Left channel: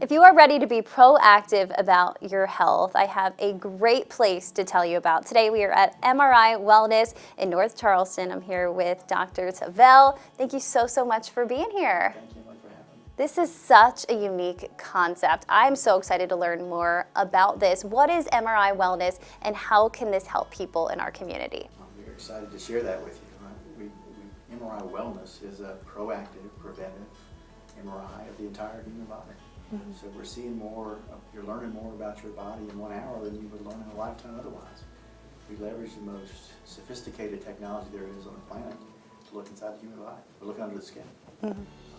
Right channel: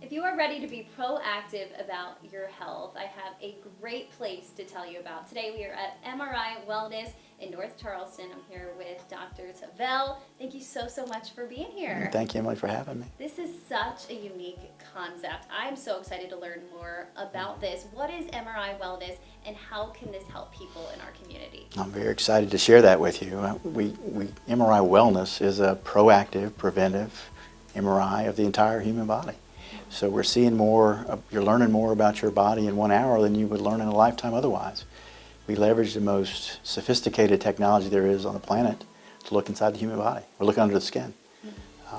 If you are ready to be proactive about your health, I have a great place to tell you about. Today we are at MRI Wellness in North Charleston. I'm here with Dr. Tavel. Thank you so much for being here. Thank you, Emily, for having me. This is such a unique concept. I'm so excited to learn more about this. What is MRI Wellness and how can this help people in our community? I'm very excited to share that with you. MRI Wellness is a proactive, preventive MRI of the entire human body. So we're seeing more, you're learning more about your body in 1 hour than you would learn in a lifetime otherwise. We leverage the most sophisticated technology there is on the planet to look inside the human body. We're looking under the skin.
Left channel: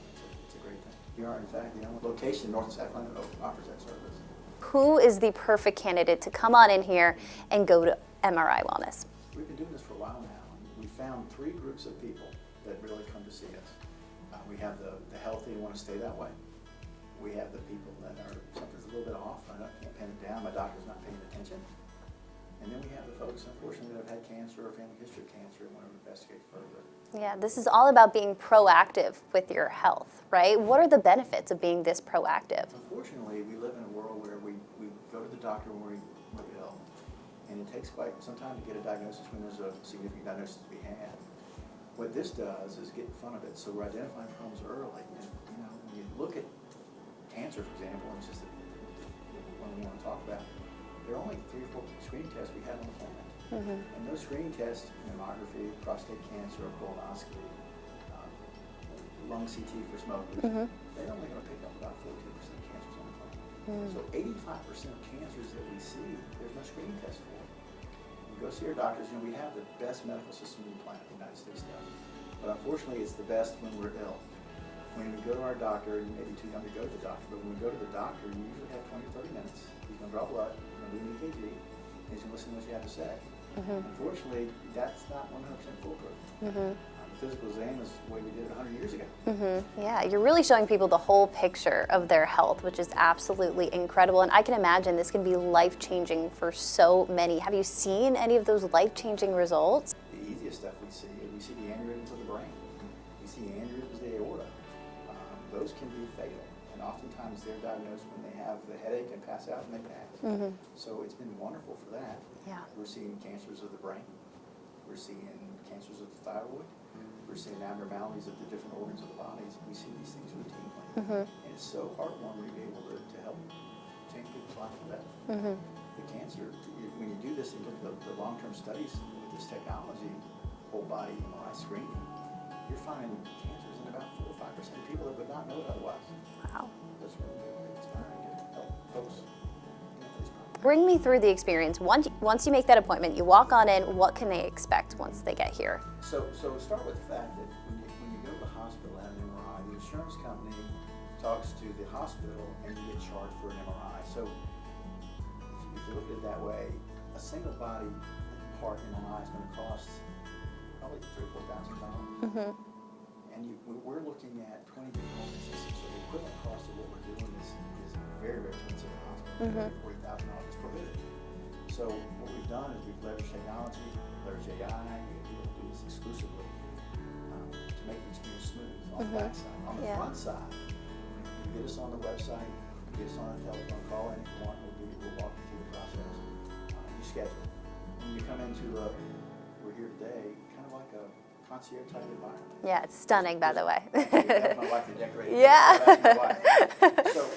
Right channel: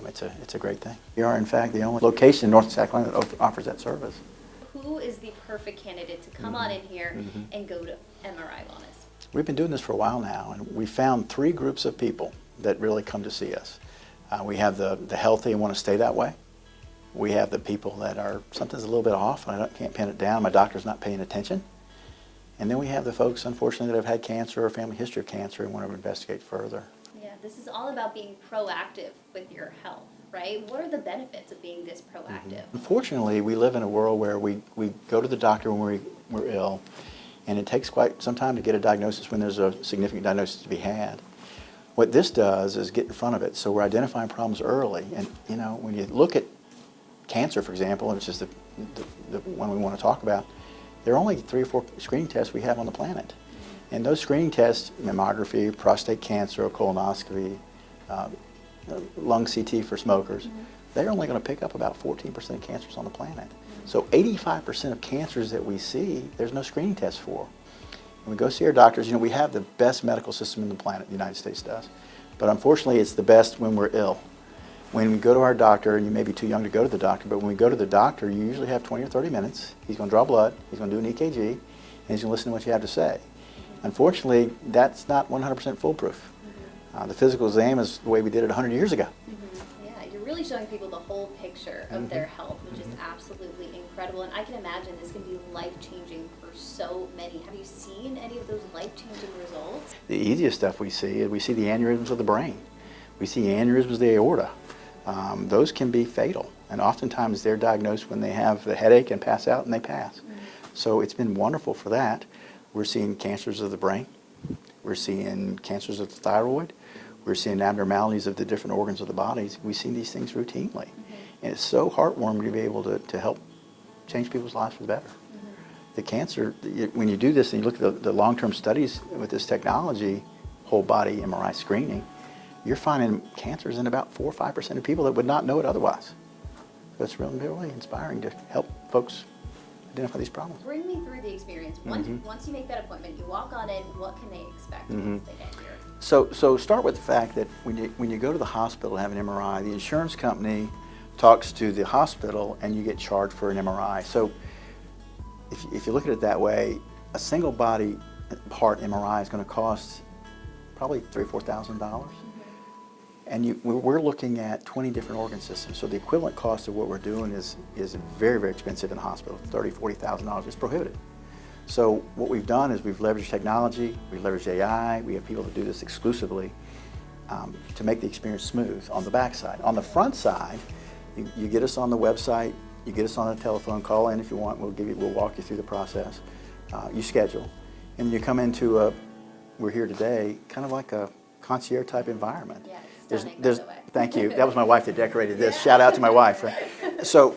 It's a great thing. We are, in fact, the only location in North Carolina that offers that service. Who is the perfect candidate to come on in here and go to MRI Wellness? We've been doing this for a while now, and we found 3 groups of people that really come to see us. We have the healthy and want to stay that way. We have the people that are, something's a little bit off, and I can't pin it down, my doctor's not paying attention. And then we have the folks, unfortunately, that have had cancer or family history of cancer and want to investigate further. Yeah, this is all about being proactive with your health, right? What are the benefits of being this proactive? Unfortunately, we live in a world where we go to the doctor when we're ill, and it takes quite some time to get a diagnosis when there's a significant diagnosis to be had. What this does is get in front of it, so we're identifying problems early. And you know, when you look at cancer, for example, and it's just the one we want to talk about, there are only 3 or 4 screening tests we have on the planet. And those screening tests, mammography, prostate cancer, colonoscopy, lung CT for smokers, they're only going to pick up about 14% of cancers on the planet. So 85% of cancers that we see, there's no screening test for. When we go see our doctors, you know, we have the best medical system in the planet, the United States does. But unfortunately, it's the best when we're ill. When we go to our doctor, and you may be too young to go to the doctor, but when we go to the doctor, you usually have 20 or 30 minutes. He's going to draw blood, he's going to do an EKG, and he's going to listen to what you have to say. Unfortunately, that's not 100% foolproof. The physical exam is the way we did it 100 years ago. Yeah, you're really showing people the whole picture of their health, which is absolutely incredible. And I can imagine this can be life-changing for so many. Have you seen any of those life-changing results? The easiest stuff we see is we see the aneurysms of the brain. We see aneurysms of the aorta. Those can be fatal, and oftentimes they're diagnosed when they have the headache and pass out, and they pass. So it's been wonderful for that. We're seeing cancers of the brain. We're seeing cancers of the thyroid. We're seeing abnormalities of the different organs of the bodies. We see these things routinely. And it's so heartwarming to be able to help change people's lives for the better. The cancer, when you do this and you look at the long-term studies with this technology, whole body MRI screening, you're finding cancers in about 4 or 5% of people that would not know it otherwise. Wow. So it's really inspiring to help folks identify these problems. Bring me through the experience. Once you make that appointment, you walk on in, what can they expect once they get here? So start with the fact that when you go to the hospital to have an MRI, the insurance company talks to the hospital and you get charged for an MRI. So if you look at it that way, a single body part MRI is going to cost probably $3,000 or $4,000. And we're looking at 20 different organ systems. So the equivalent cost of what we're doing is very, very expensive in the hospital. $30,000, $40,000 is prohibitive. So what we've done is we've leveraged technology, we've leveraged AI, we have people that do this exclusively to make the experience smooth on the back side. On the front side, you get us on the website, you get us on a telephone, call in if you want, we'll walk you through the process. You schedule. And when you come into we're here today, kind of like a concierge type environment. Yeah, it's stunning, by the way. Thank you. That was my wife that decorated this. Shout out to my wife. So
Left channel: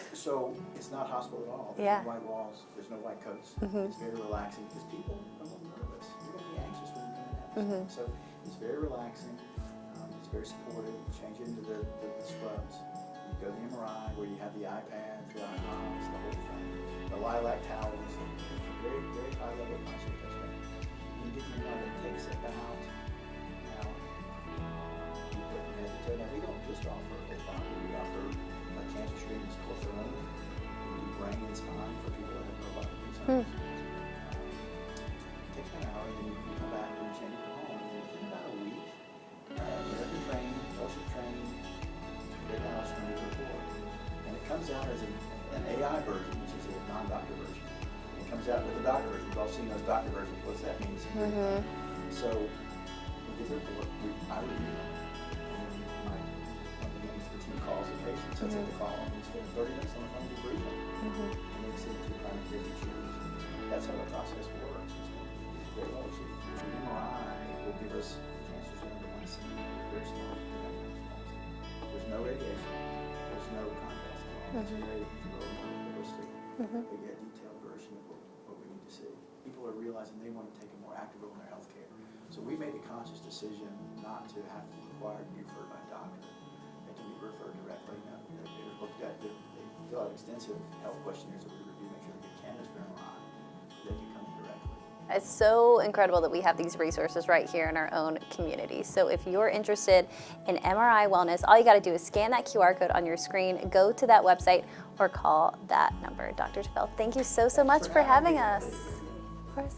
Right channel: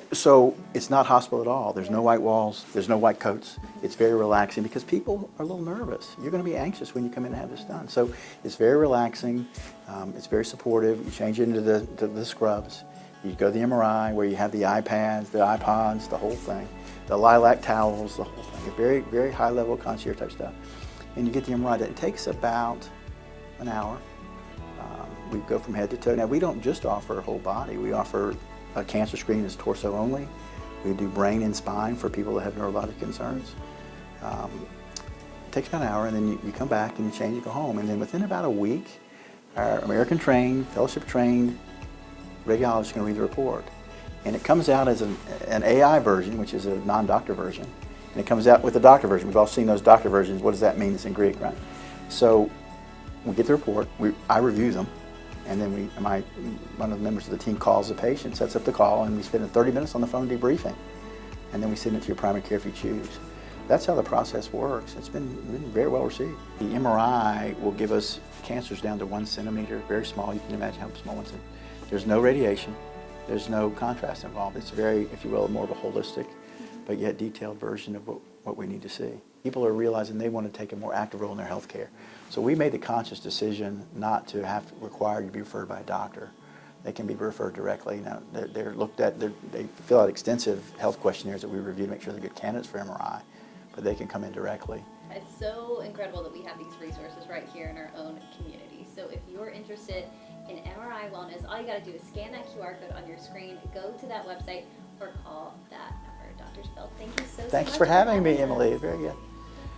it's not hospital at all. There's no white walls. There's no white coats. It's very relaxing because people are a little nervous. You're going to be anxious when you come in and have this done. So it's very relaxing. It's very supportive. You change into the scrubs. You go to the MRI where you have the iPads, the iPods, the whole thing, the lilac towels, the whole thing. Very, very high level concierge type stuff. And you get the MRI. That takes about an hour. We go from head to toe. Now, we don't just offer whole body. We offer a cancer screening that's torso only. We do brain and spine for people that have neurologic concerns. It takes about an hour, and then you come back and you change and go home. And then within about a week, our American-trained, fellowship-trained radiologist is going to read the report. And it comes out as an AI version, which is a non-doctor version. And it comes out with a doctor version. We've all seen those doctor versions. What does that mean? It's in Greek, right? So we get the report. I review them. And then one of the members of the team calls the patient, sets up the call, and we spend 30 minutes on the phone debriefing. And then we send it to your primary care if you choose. That's how the process works. It's been very well received. The MRI will give us cancers down to 1 centimeter, very small. You can imagine how small 1 centimeter. There's no radiation. There's no contrast involved. It's very, if you will, more of a holistic, but yet detailed version of what we need to see. People are realizing they want to take a more active role in their health care. So we made the conscious decision not to have to require you to be referred by a doctor. They can be referred directly. Now, they're looked at, they fill out extensive health questionnaires that we review to make sure they're good candidates for MRI, but they can come in directly. It's so incredible that we have these resources right here in our own community. So if you're interested in MRI wellness, all you got to do is scan that QR code on your screen, go to that website, or call that number. Dr. Tavel, thank you so much for having me, us. Emily. Very good. Of course.